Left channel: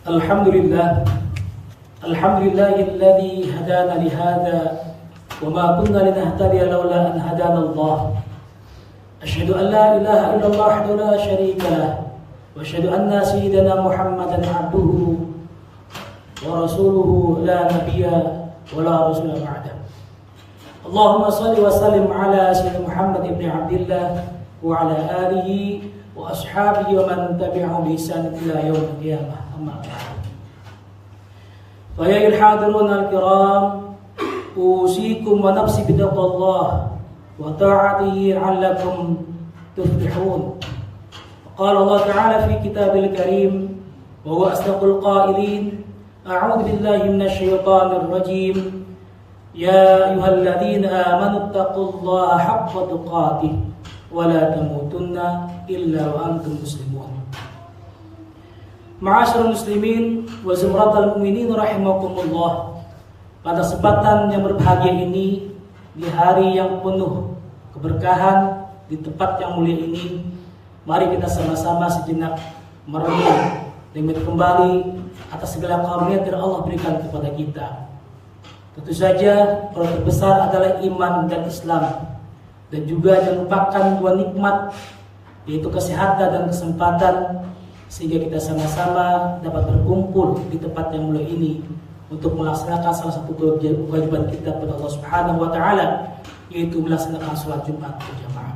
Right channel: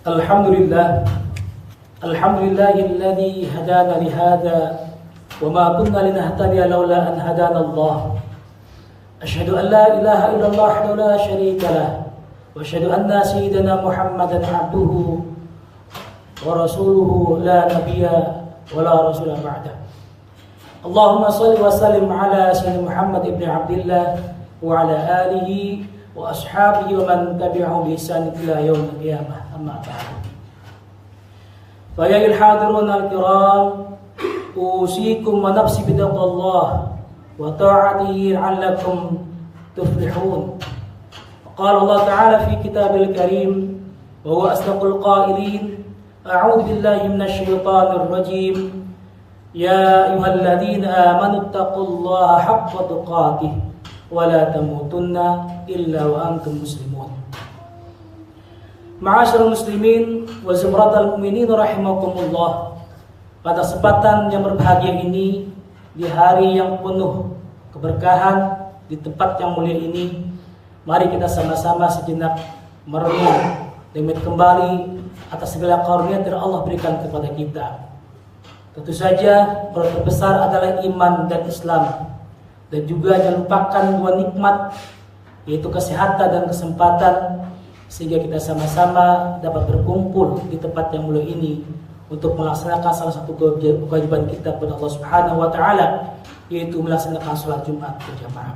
Alhamdulillah, alhamdulillahilladzi hadana lihada wa ma kunna linahtadiya laula an hadana Allah. Asyhadu an la ilaha illallah wahdahu la syarika lah wa asyhadu anna sayyidana Muhammadan abduhu wa rasuluhu la nabiyya wa la rasula ba'da. Allahumma shalli wa sallim ala sayyidina Muhammad ibn Abdillah wa ala alihi wa ashabihi wa man tabi'ahum bi ihsan ila yaumil qiyamah. Amma ba'du. Fa ya al-hadirun al-kiram, usikum wa nafsi bi taqwallah wa ta'atihi 'allakum tuflihun. Qala Allah Ta'ala fi kitabil karim wa huwa asdaqul qailin. A'udzu billahi minasy syaithanir rajim. Ya ayyuhalladzina amanu taqullaha haqqa tuqatih wa la tamutunna illa wa antum muslimun. Ma'asyiral muslimin wa zumratal mu'minin rahimakumullah. Pada kesempatan yang berbahagia ini, di hari yang penuh keberkahan, di tempat yang mulia ini, mari kita sama-sama sejenak merenung dan kembali atas segala karunia yang Allah berikan kepada kita. Tentu saja yang terbesar adalah iman dan Islam, dan juga jangan lupakan dua nikmat, yaitu kesehatan dan kesempatan, sehingga kita sama-sama dapat berkumpul di tempat yang mulia ini untuk melaksanakan salah satu kewajiban kita kepada Allah Subhanahu wa taala, yaitu melaksanakan salat Jumat berjamaah.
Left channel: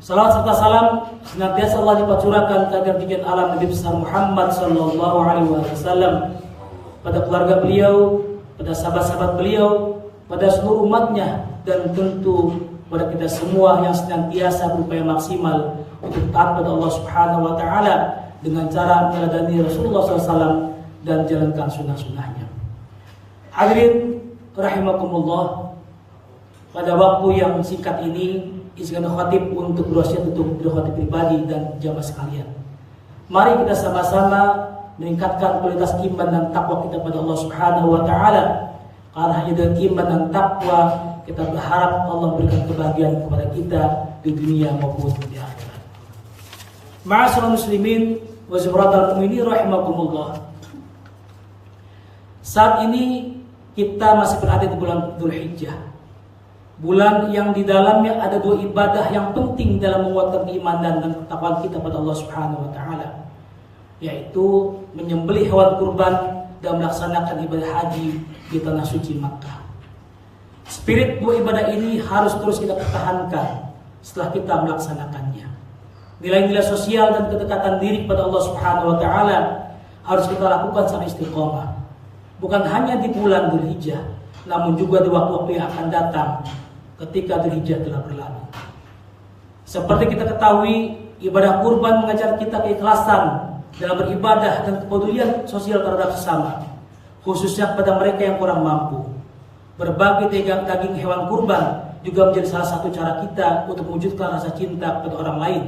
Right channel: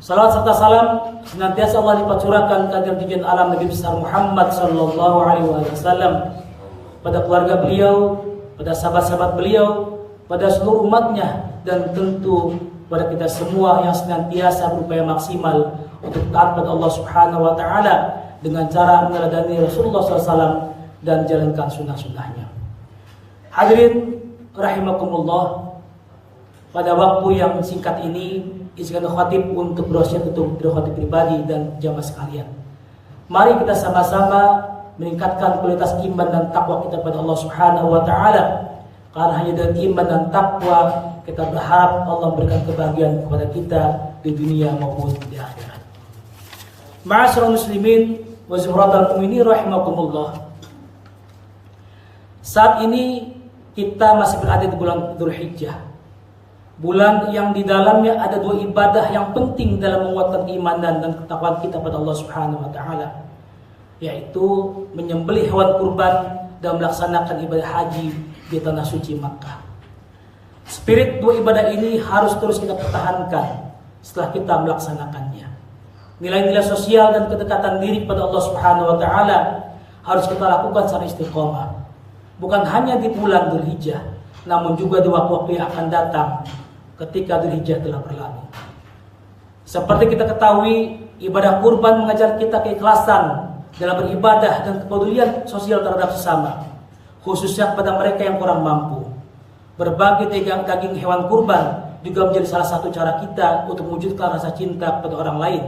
Salawat serta salam senantiasa Allah dipacurahkan kepada junjungan alam Nabi besar Muhammad sallallahu alaihi wasallam, pada keluarga beliau, pada sahabat-sahabat beliau, pada seluruh umatnya, dan tentu pada kita semua yang senantiasa berupaya maksimal untuk taat pada Allah Subhanahu wa taala dengan cara meneladani Rasulullah SAW dan jalankan sunnah-sunnahnya. Hadirin rahimakumullah, pada waktu yang singkat ini izinkan khatib untuk berwasiat untuk diri khatib pribadi dan jamaah sekalian. Mari kita sama-sama meningkatkan kualitas iman dan takwa kita pada Allah Subhanahu wa taala. Karena hanya dengan iman dan takwa kita berharap Allah memberikan kebahagiaan kepada kita di dunia maupun di akhirat. Ma'asyiral muslimin wa zumratal mu'minin rahimakumullah. Saat ini kita masih berada di bulan Dzulhijjah. Bulan yang di dalamnya ada dua ibadah yang penting dalam menguatkan keimanan dan ketakwaan kita pada Allah Subhanahu wa taala, yaitu menyembelih hewan kurban dan melaksanakan ibadah haji di tanah suci Makkah. Spirit dua ibadah ini harus terus kita pertahankan setelah kita melaksanakannya. Nilai-nilai sosial dan kedekatan diri kepada Allah Subhanahu wa taala harus kita lakukan secara istiqomah. Bukan hanya di bulan Dzulhijjah, namun juga di waktu-waktu yang akan datang ketika Dzulhijjah telah berlalu. Seperti kita ketahui, ibadah kurban mengajar kita keikhlasan dalam beribadah dan kepedulian sosial terhadap sesama, khususnya kepada mereka yang kurang mampu. Berbagi daging hewan kurban juga menjadi salah satu cara kita untuk mewujudkan rasa cinta kepada orang lain,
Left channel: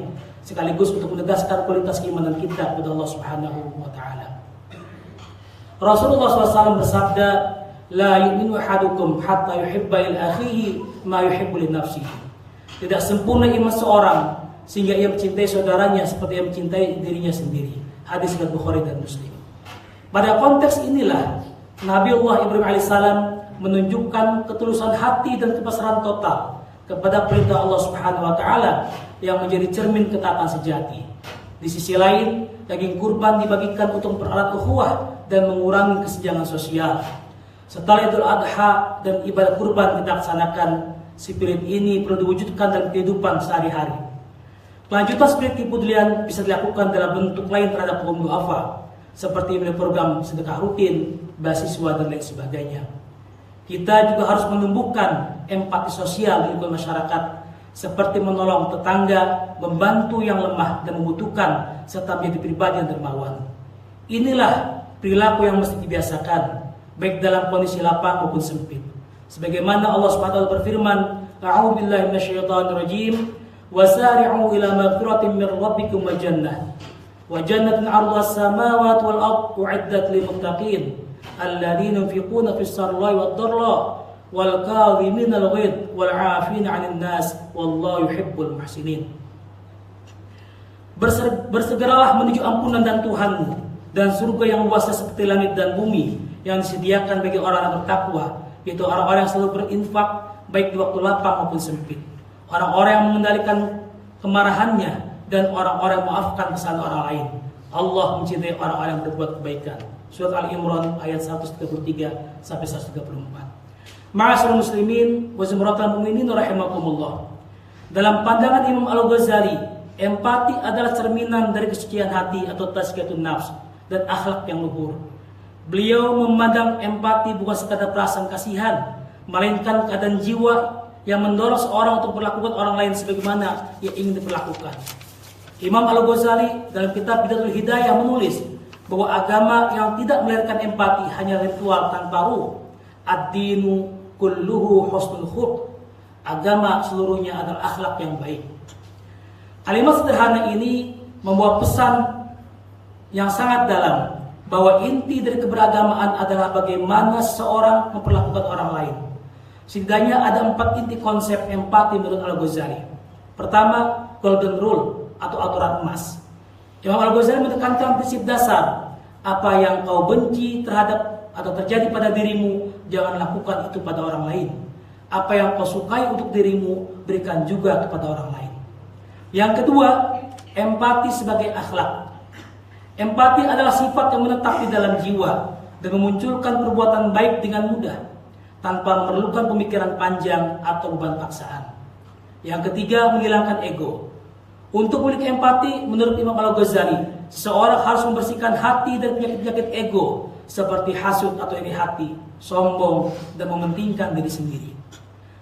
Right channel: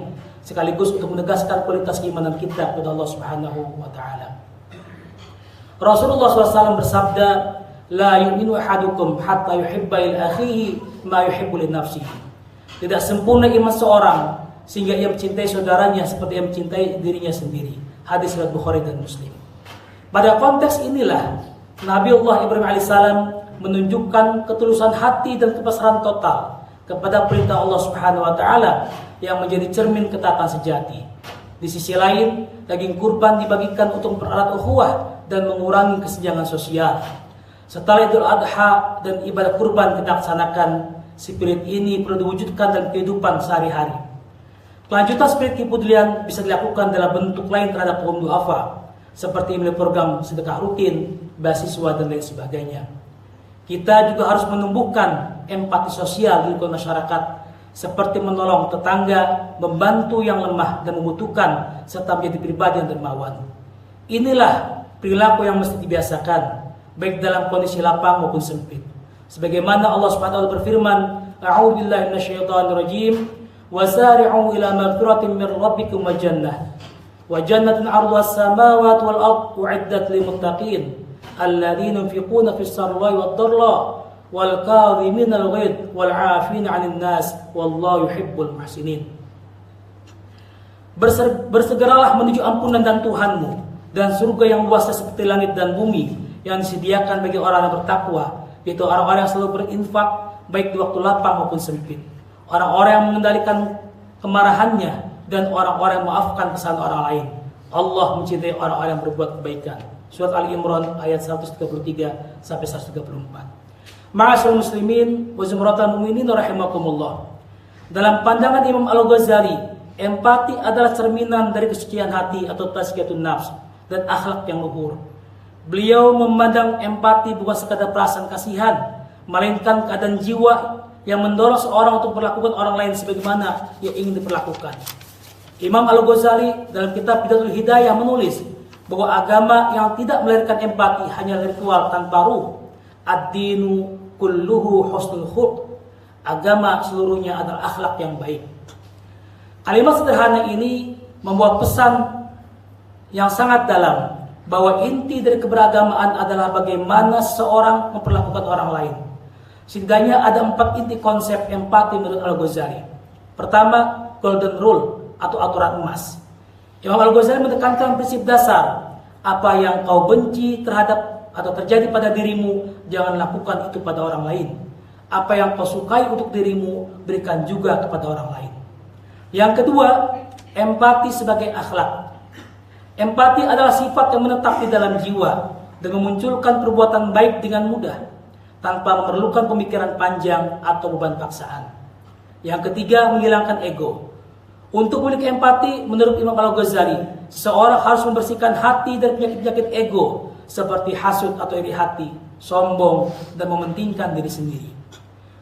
sekaligus untuk menegaskan kualitas keimanan kita kepada Allah Subhanahu wa taala. Rasulullah SAW bersabda, "La yu'minu ahadukum hatta yuhibba li akhihi ma yuhibbu li nafsihi." Tidak sempurna iman seorang sehingga ia mencintai saudaranya seperti ia mencintai dirinya sendiri. Hadis riwayat Bukhari dan Muslim. Pada konteks inilah Nabiullah Ibrahim alaihissalam menunjukkan ketulusan hati dan kepasrahan total kepada perintah Allah Subhanahu wa taala yang menjadi cermin ketaatan sejati. Di sisi lain, daging kurban dibagikan untuk mempererat ukhuwah dan mengurangi kesenjangan sosial. Setelah Idul Adha dan ibadah kurban kita laksanakan, spirit ini perlu diwujudkan dalam kehidupan sehari-hari. Kelanjutan spirit kepedulian bisa dilakukan dalam bentuk lain terhadap kaum duafa, seperti melalui program sedekah rutin, beasiswa, dan lain sebagainya. Kita juga harus menumbuhkan empati sosial di lingkungan masyarakat, seperti menolong tetangga, membantu yang lemah dan membutuhkan, serta menjadi pribadi yang dermawan. Inilah perilaku yang mesti dibiasakan, baik dalam kondisi lapang maupun sempit. Sebagaimana Allah Subhanahu wa taala berfirman, "A'udzu billahi minasyaitonir rajim. Wasari'u ila maghfiratin min rabbikum wa jannah. Wa jannatin 'arduha as-samawati wal ardu u'iddat lil muttaqin alladzina yunfiquna fis sarra'i wad dharra wal kadhiminal ghaidh wal 'afina 'anil nas wallahu yuhibbul muhsinin." Bersegeralah menuju ampunan dan Tuhanmu dan surga yang luasnya seperti langit dan bumi yang disediakan bagi orang yang bertakwa, yaitu orang-orang yang selalu berinfak baik di waktu lapang maupun sempit, orang-orang yang mengendalikan kemarahannya, dan orang-orang yang memaafkan kesalahan orang lain. Allah mencintai orang-orang yang berbuat kebaikan. Surat Ali Imran ayat 133 sampai 134. Ma'asyiral muslimin wa zumratal mu'minin rahimakumullah. Dalam pandangan Imam Al-Ghazali, empati adalah cerminan dari kesucian hati atau tazkiyatun nafs dan akhlak yang luhur. Beliau memandang empati bukan sekadar perasaan kasihan, melainkan keadaan jiwa yang mendorong seorang untuk memperlakukan orang lain sebagaimana yang ingin diperlakukan. Imam Al-Ghazali dalam kitab Bidatul Hidayah menulis bahwa agama yang tidak melahirkan empati hanya ritual tanpa ruh. Ad-dinu kulluhu husnul khuluq. Agama seluruhnya adalah akhlak yang baik. Kalimat sederhana ini membawa pesan yang sangat dalam bahwa inti dari keberagamaan adalah bagaimana seorang memperlakukan orang lain. Setidaknya ada 4 inti konsep empati menurut Al-Ghazali. Pertama, golden rule atau aturan emas. Imam Al-Ghazali menekankan prinsip dasar, apa yang kau benci terhadap atau terjadi pada dirimu, jangan lakukan itu pada orang lain. Apa yang kau sukai untuk dirimu, berikan juga kepada orang lain. Yang kedua, empati sebagai akhlak. Empati adalah sifat yang menetap di dalam jiwa dan memunculkan perbuatan baik dengan mudah, tanpa memerlukan pemikiran panjang atau beban paksaan. Yang ketiga, menghilangkan ego. Untuk memiliki empati, menurut Imam Al-Ghazali, seseorang harus membersihkan hati dari penyakit-penyakit ego, seperti hasud atau iri hati, sombong, dan mementingkan diri sendiri.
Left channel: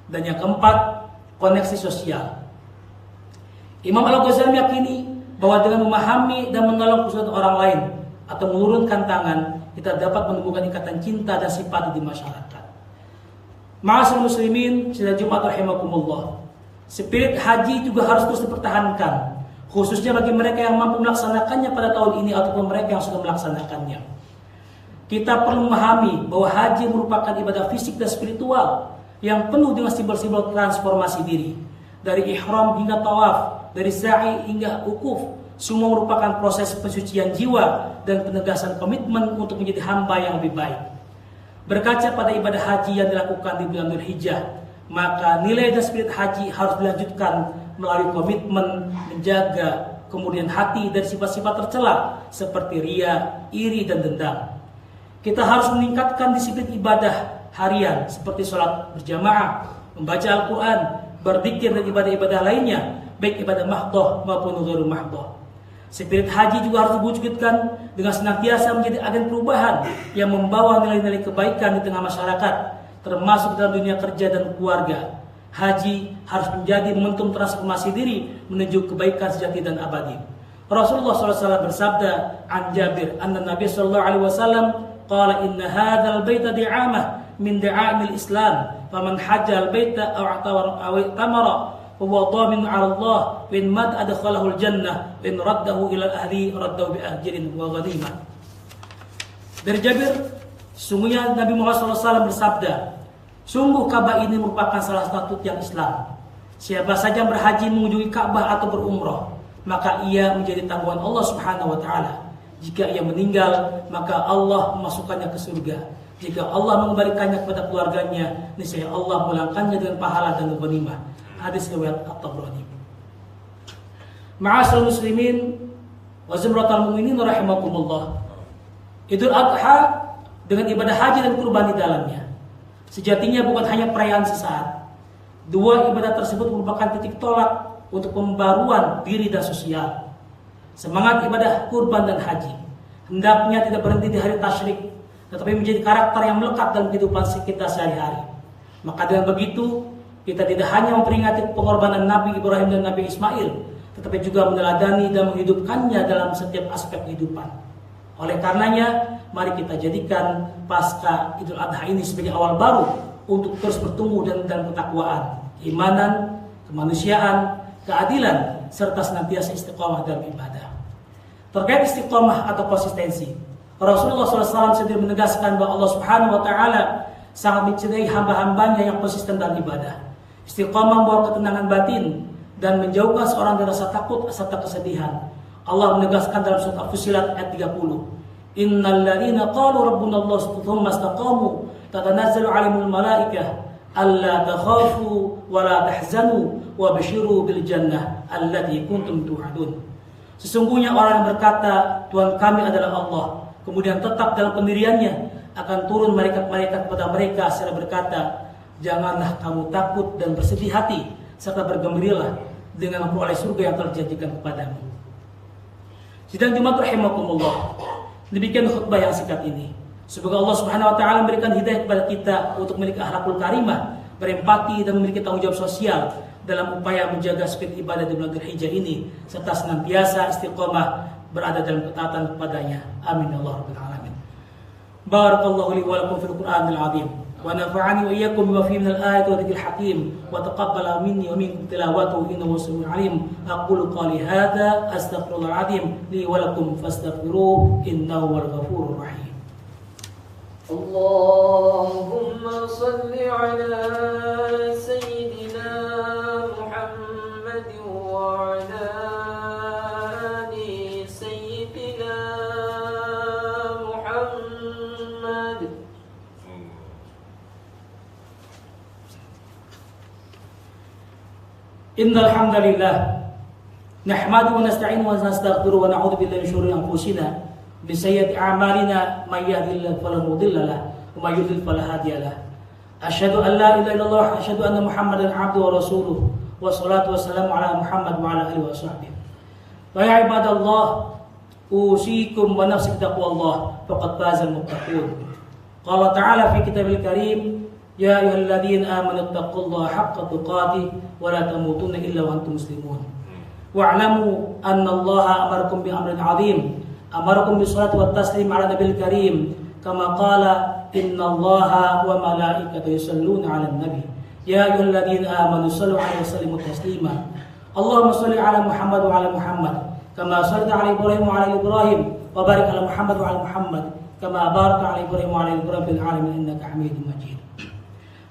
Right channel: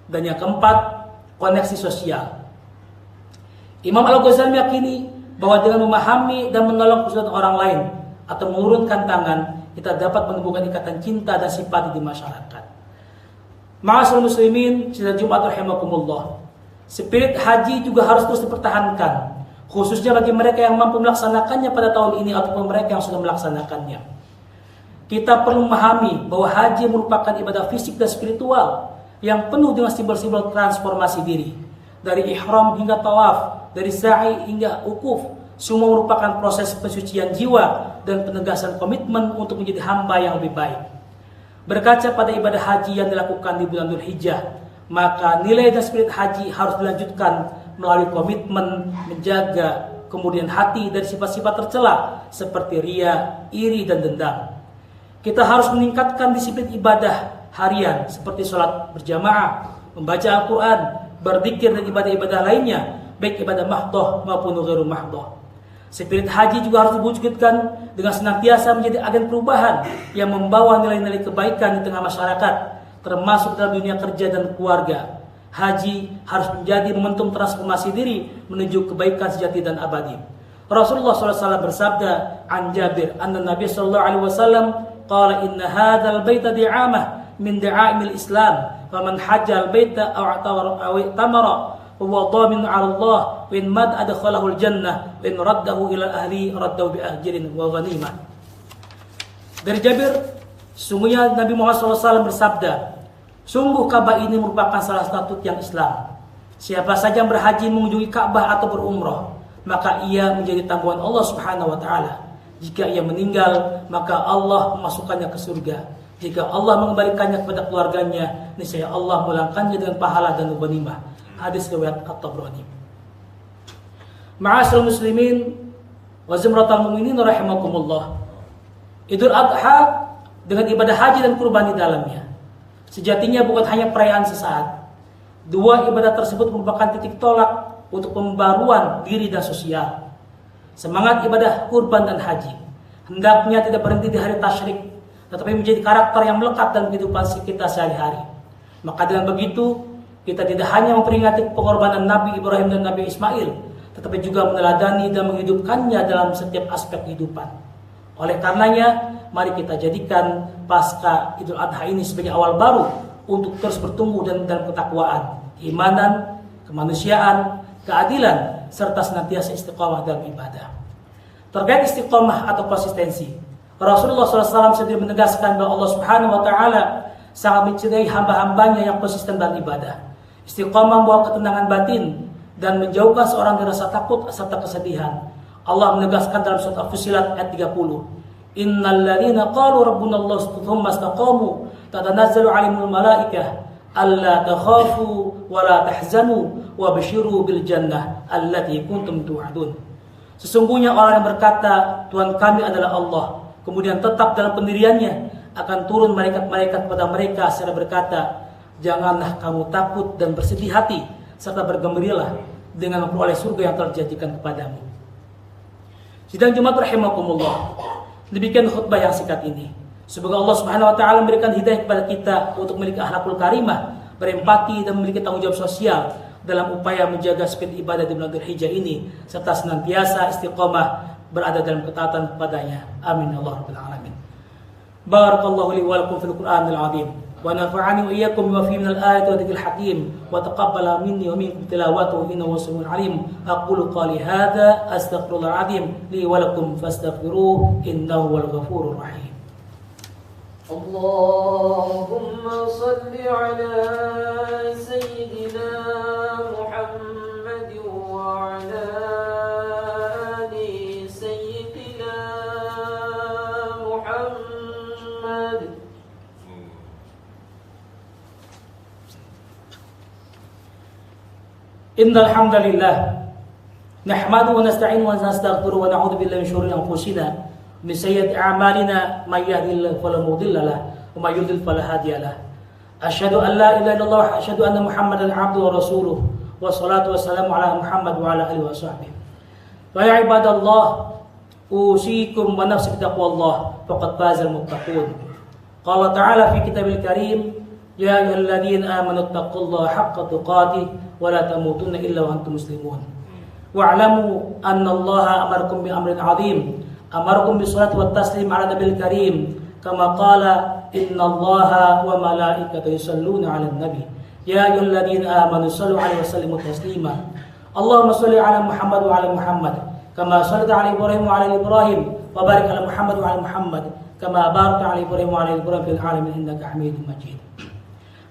Dan yang keempat, koneksi sosial. Imam Al-Ghazali meyakini bahwa dengan memahami dan menolong kesulitan orang lain atau mengurunkan tangan, kita dapat menemukan ikatan cinta dan simpati di masyarakat. Ma'asyiral muslimin, sidang Jumat rahimakumullah. Spirit haji juga harus terus dipertahankan, khususnya bagi mereka yang mampu melaksanakannya pada tahun ini ataupun mereka yang sudah melaksanakannya. Kita perlu memahami bahwa haji merupakan ibadah fisik dan spiritual yang penuh dengan simbol-simbol transformasi diri. Dari ihram hingga tawaf, dari sa'i hingga ukuf, semua merupakan proses pensucian jiwa dan penegasan komitmen untuk menjadi hamba yang lebih baik. Berkaca pada ibadah haji yang dilakukan di bulan Dzulhijjah, maka nilai dan spirit haji harus dilanjutkan melalui komitmen menjaga kemudian hati dari sifat-sifat tercela seperti ria, iri, dan dendam. Kita harus meningkatkan disiplin ibadah harian seperti sholat berjamaah, membaca Al-Quran, berzikir, dan ibadah-ibadah lainnya, baik ibadah mahdoh maupun ghairu mahdoh. Spirit haji juga harus diwujudkan dengan senantiasa menjadi agen perubahan yang membawa nilai-nilai kebaikan di tengah masyarakat, termasuk dalam dunia kerja dan keluarga. Haji harus menjadi momentum transformasi diri menuju kebaikan sejati dan abadi. Rasulullah SAW bersabda, an Jabir anna Nabi sallallahu alaihi wasallam qala inna hadzal baita di'amah min da'aimil Islam, faman hajjal baita aw tamara huwa dhamin 'ala Allah wa in mad adkhalahu al-jannah wa in raddahu ila ahli raddahu bi ajrin wa ghanimah. Dari Jabir, sungguhnya Nabi Muhammad SAW bersabda, sungguh Ka'bah ini merupakan salah satu tiang Islam. Siapa saja yang berhaji mengunjungi Ka'bah atau berumrah, maka ia menjadi tanggungan Allah Subhanahu wa taala. Jika ia meninggal, maka Allah memasukkannya ke surga. Jika Allah mengembalikannya kepada keluarganya, niscaya Allah melangkannya dengan pahala dan ghanimah. Hadis riwayat At-Tabrani. Ma'asyiral muslimin wa zumratal mu'minin rahimakumullah. Idul Adha dengan ibadah haji dan kurban di dalamnya, sejatinya bukan hanya perayaan sesaat. Dua ibadah tersebut merupakan titik tolak untuk pembaruan diri dan sosial. Semangat ibadah kurban dan haji hendaknya tidak berhenti di hari tasyrik, tetapi menjadi karakter yang melekat dalam kehidupan kita sehari-hari. Maka dengan begitu, kita tidak hanya memperingati pengorbanan Nabi Ibrahim dan Nabi Ismail, tetapi juga meneladani dan menghidupkannya dalam setiap aspek kehidupan. Oleh karenanya, mari kita jadikan pasca Idul Adha ini sebagai awal baru untuk terus bertumbuh dalam ketakwaan, keimanan, kemanusiaan, keadilan, serta senantiasa istiqomah dalam ibadah. Terkait istiqomah atau konsistensi, Rasulullah SAW sendiri menegaskan bahwa Allah Subhanahu wa taala sangat mencintai hamba-hambanya yang konsisten dalam ibadah. Istiqomah membawa ketenangan batin dan menjauhkan seorang dari rasa takut serta kesedihan. Allah menegaskan dalam surat Al-Fussilat ayat 30, Innal ladzina qalu rabbuna Allah tsumma istaqamu tatanazzalu 'alaihimul malaikah alla takhafu wa la tahzanu wa basyiru bil jannah allati kuntum tu'adun. Sesungguhnya orang yang berkata Tuhan kami adalah Allah, kemudian tetap dalam pendiriannya, akan turun malaikat-malaikat kepada mereka serta berkata, janganlah kamu takut dan bersedih hati serta bergembiralah dengan memperoleh surga yang telah dijanjikan kepadamu. Sidang Jumat rahimakumullah. Demikian khutbah yang singkat ini. Semoga Allah Subhanahu wa taala memberikan hidayah kepada kita untuk memiliki akhlakul karimah, berempati dan memiliki tanggung jawab sosial dalam upaya menjaga spirit ibadah di bulan Dzulhijjah ini serta senantiasa istiqomah berada dalam ketaatan kepadanya. Amin ya Allah rabbal alamin. Barakallahu li wa lakum fil Qur'anil azim. ونفعني وإياكم بما فيه من الآية والذكر الحكيم وتقبل مني ومنكم تلاوته إنه سميع عليم. أقول قولي هذا أستغفر الله العظيم لي ولكم فاستغفروه إنه هو الغفور الرحيم. اللهم صل على سيدنا محمد وعلى آل سيدنا محمد. Innal hamdalillah nahmaduhu wa nasta'inuhu wa nastaghfiruhu wa na'udzu billahi min shururi anfusina min sayyiati a'malina may yahdihillahu fala mudilla lahu wa may yudlil fala hadiya lahu. Asyhadu an la ilaha illallah wa asyhadu anna Muhammadan 'abduhu wa rasuluh wa salatu wassalamu ala Muhammad wa ala alihi wa sahbihi. Wa ya ibadallah usikum wa nafsi bittaqwallah faqad fazal muttaqun. Qala ta'ala fi kitabil karim ya ayyuhalladzina amanu taqullaha haqqa tuqatih wa la tamutunna illa wa antum muslimun. Wa'lamu anna Allaha amarakum bi amrin 'adzim, amarakum bis salati wat taslim 'ala nabiyil karim kama qala innallaha wa malaikatahu yusalluna 'alan nabi ya ayyuhalladzina amanu sallu 'alaihi wa sallimu taslima. Allahumma shalli 'ala Muhammad wa 'ala Muhammad kama shallaita 'ala Ibrahim wa 'ala Ibrahim wa barik 'ala Muhammad wa 'ala Muhammad kama barakta 'ala Ibrahim wa 'ala Ibrahim fil 'alamin innaka Hamidum Majid.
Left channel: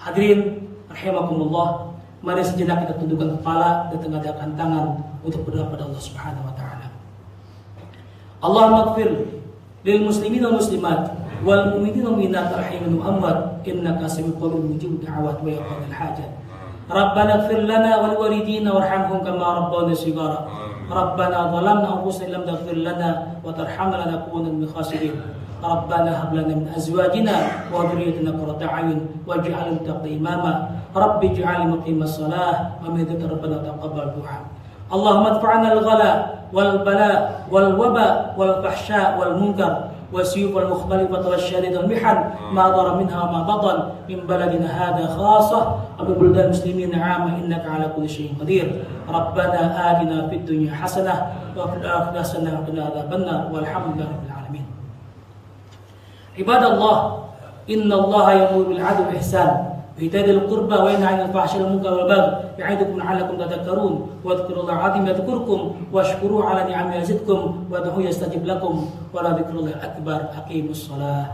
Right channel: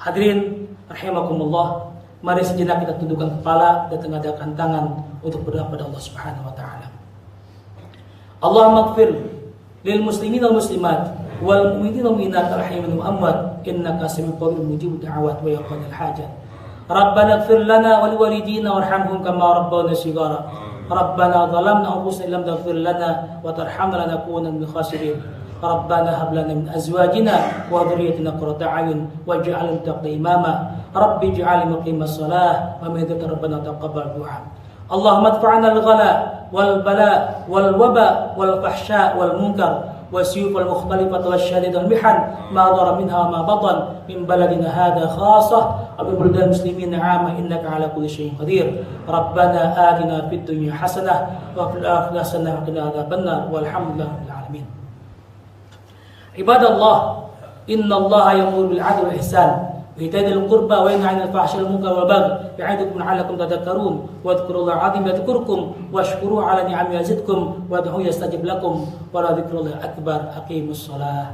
Hadirin rahimakumullah, mari sejenak kita tundukkan kepala dan tengadahkan tangan untuk berdoa kepada Allah Subhanahu wa taala. Allahumma ighfir lil muslimin wal muslimat wal mu'minin wal mu'minat rahimin wa amwat innaka sami'un qaribun mujibud da'awat wa yaqdil hajat. Rabbana ighfir lana wa liwalidina warhamhum kama rabbawna shighara. Rabbana zalamna anfusana lam taghfir lana wa tarhamna lanakunanna minal khasirin. ربنا هب لنا من أزواجنا وذريتنا قرة أعين واجعلنا للمتقين إماما رب اجعلني مقيم الصلاة ومن ذكر ربنا تقبل دعاء. اللهم ادفع عنا الغلاء والبلاء والوباء والفحشاء والمنكر والسيوف المختلفة والشدائد والمحن ما ظهر منها وما بطن من بلدنا هذا خاصة وببلدان المسلمين عامة إنك على كل شيء قدير. ربنا آتنا في الدنيا حسنة وفي الآخرة حسنة وقنا عذاب النار والحمد لله رب العالمين. Ibadallah, innallaha ya'muru bil 'adli wal ihsan wa ita'i dzil qurba wa yanha 'anil fahsya'i wal munkari wal baghi ya'idukum la'allakum tadhakkarun wa dhkurullaha 'azim yadhkurkum washkuruhu 'ala ni'amihi yazidkum wa ud'uhu yastajib lakum wa la dzikrullahi akbar. Aqimus shalah.